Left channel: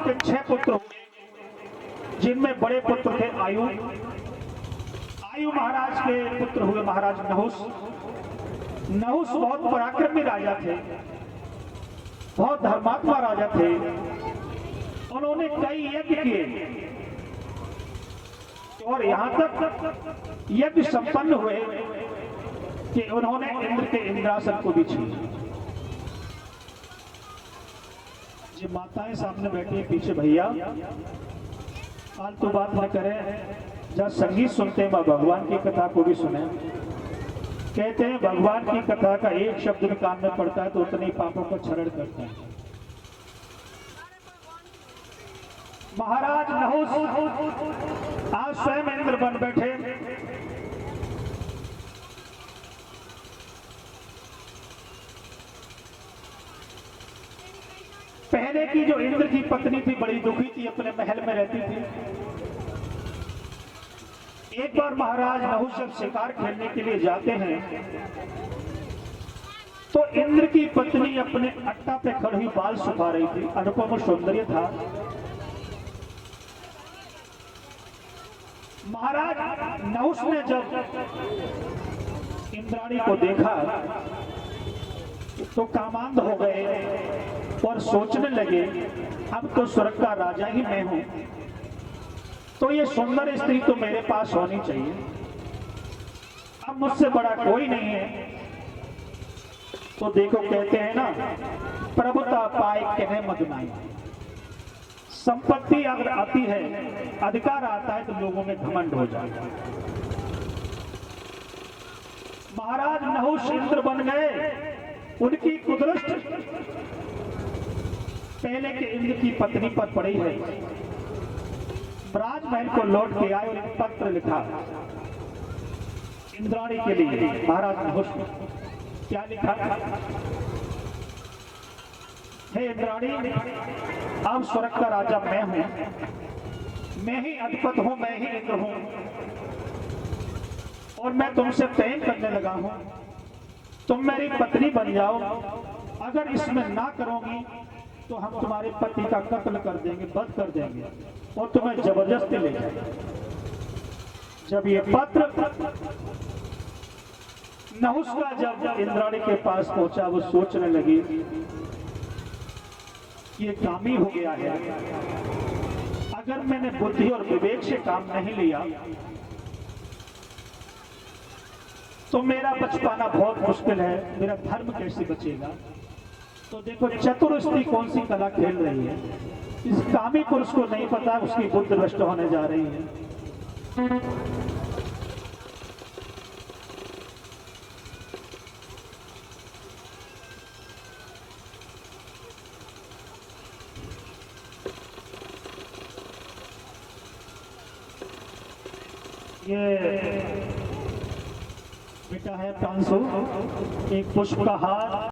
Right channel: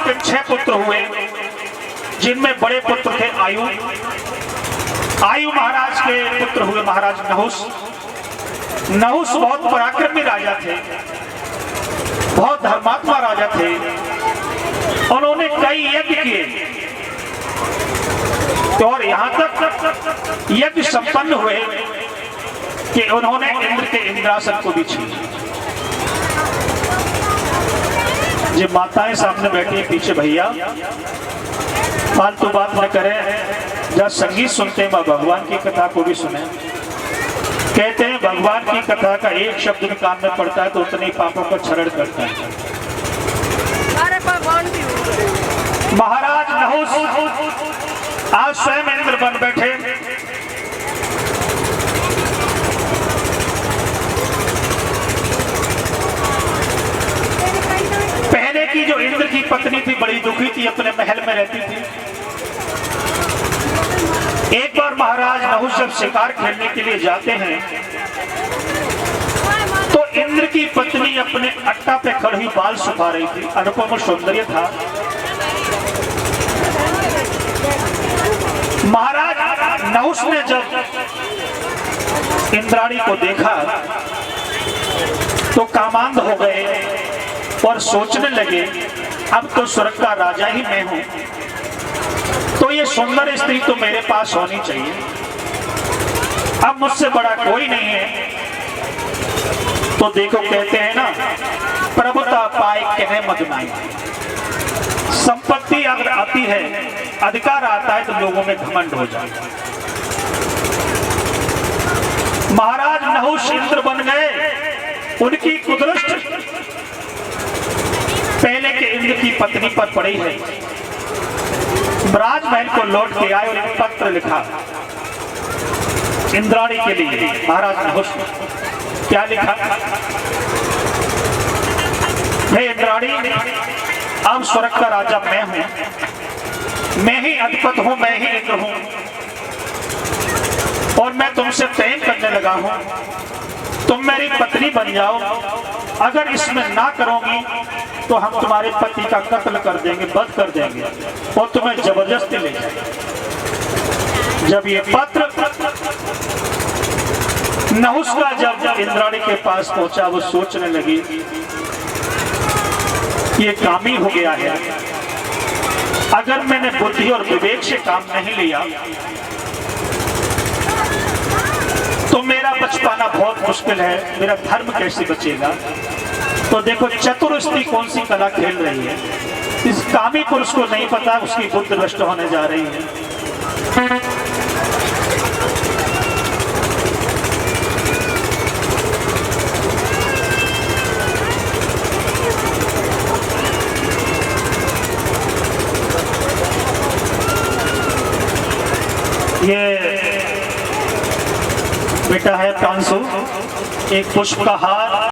के 6 पुत्र हुए, जिनमें बड़े पुत्र थे आयु। आयु महाराज के पुत्र हुए महाराज नहुस। नहुस बहुत पराक्रमी राजा थे, बहुत धर्मात्मा राजा थे। उन्होंने कई यज्ञ किए और यहां तक यज्ञ संपन्न हुए कि उन्होंने इंद्र के इंद्रासन को भी छीना। जो माताएं सामने बैठी पीछे, भैया फालतू बात न करें, जब संगीत सुनते हैं भगवान की कथा को भी सुने। कहते हैं भगवान की कथा का एक शब्द भी कान में पड़ता है तो उतने ही पापों का क्षरण करता है। महाराज नहुस आज स्वयं इंद्र बन बैठे। पहले की जो इंद्र की पत्नी थी बड़ी दुखी थी, अपने महल में रहती थी। एक बार महाराज नहुस जब शिकार खेलने के लिए जाते हैं तो इंद्र की पत्नी अपने अट्टा पे खड़ी बाल सुखा रही थी। अनुपम सौंदर्य था। महाराज नहुस ने जब इंद्राणी को देखा तो कामांध हो गए और सोचने लगे अब तो स्वर्ग का राजा ही मैं हूं, तो ये सुंदर स्त्री तो मेरे पास होनी चाहिए। अब मुझसे बड़ा कोई नहीं है। तो देखो कहते हैं ना, प्रभुता पाए कहने मत नाई। संपत्ति अगर आती है, अधिकार आता है तो लोगों में घमंड हो जाता है। महाराज नहुस इंद्र बन गए। उनकी कुदृष्टि पहले के इंद्र की पत्नी पर पड़ी है। राजमहल को लौट के आए और एक पत्र लिखा इंद्राणी के लिए। महाराज नहुस क्या लिखा? हे इंद्राणी, अब स्वर्ग का राजा मैं हूं, मैं ही अधिपति हूं, मैं ही इंद्र हूं और मैं तुमसे प्रेम करने लगा हूं। तुम मेरी पत्नी बन जाओ। अगर इसमें ना करोगी तो हम तुम्हारे पति का कत्ल कर देंगे, वध कर देंगे और तुम्हें जबरदस्ती ले जाएंगे। जब ये पत्र नहुस का जब इंद्राणी के पास पहुंचा, वो सोचने लगी ये कामी हो गया है। अगर मैंने बुद्धि और विवेक से काम नहीं लिया तो मेरा बच पाना बहुत मुश्किल है, मेरा धर्म कैसे बचेगा। तो देखो चतुर स्त्री कौन सी कला खेल रही है। इस कामी पुरुष को नहीं पता उसकी बुद्धि नष्ट होने जा रही है। ये बेटा है प्रांशु, एक पुष्प का हार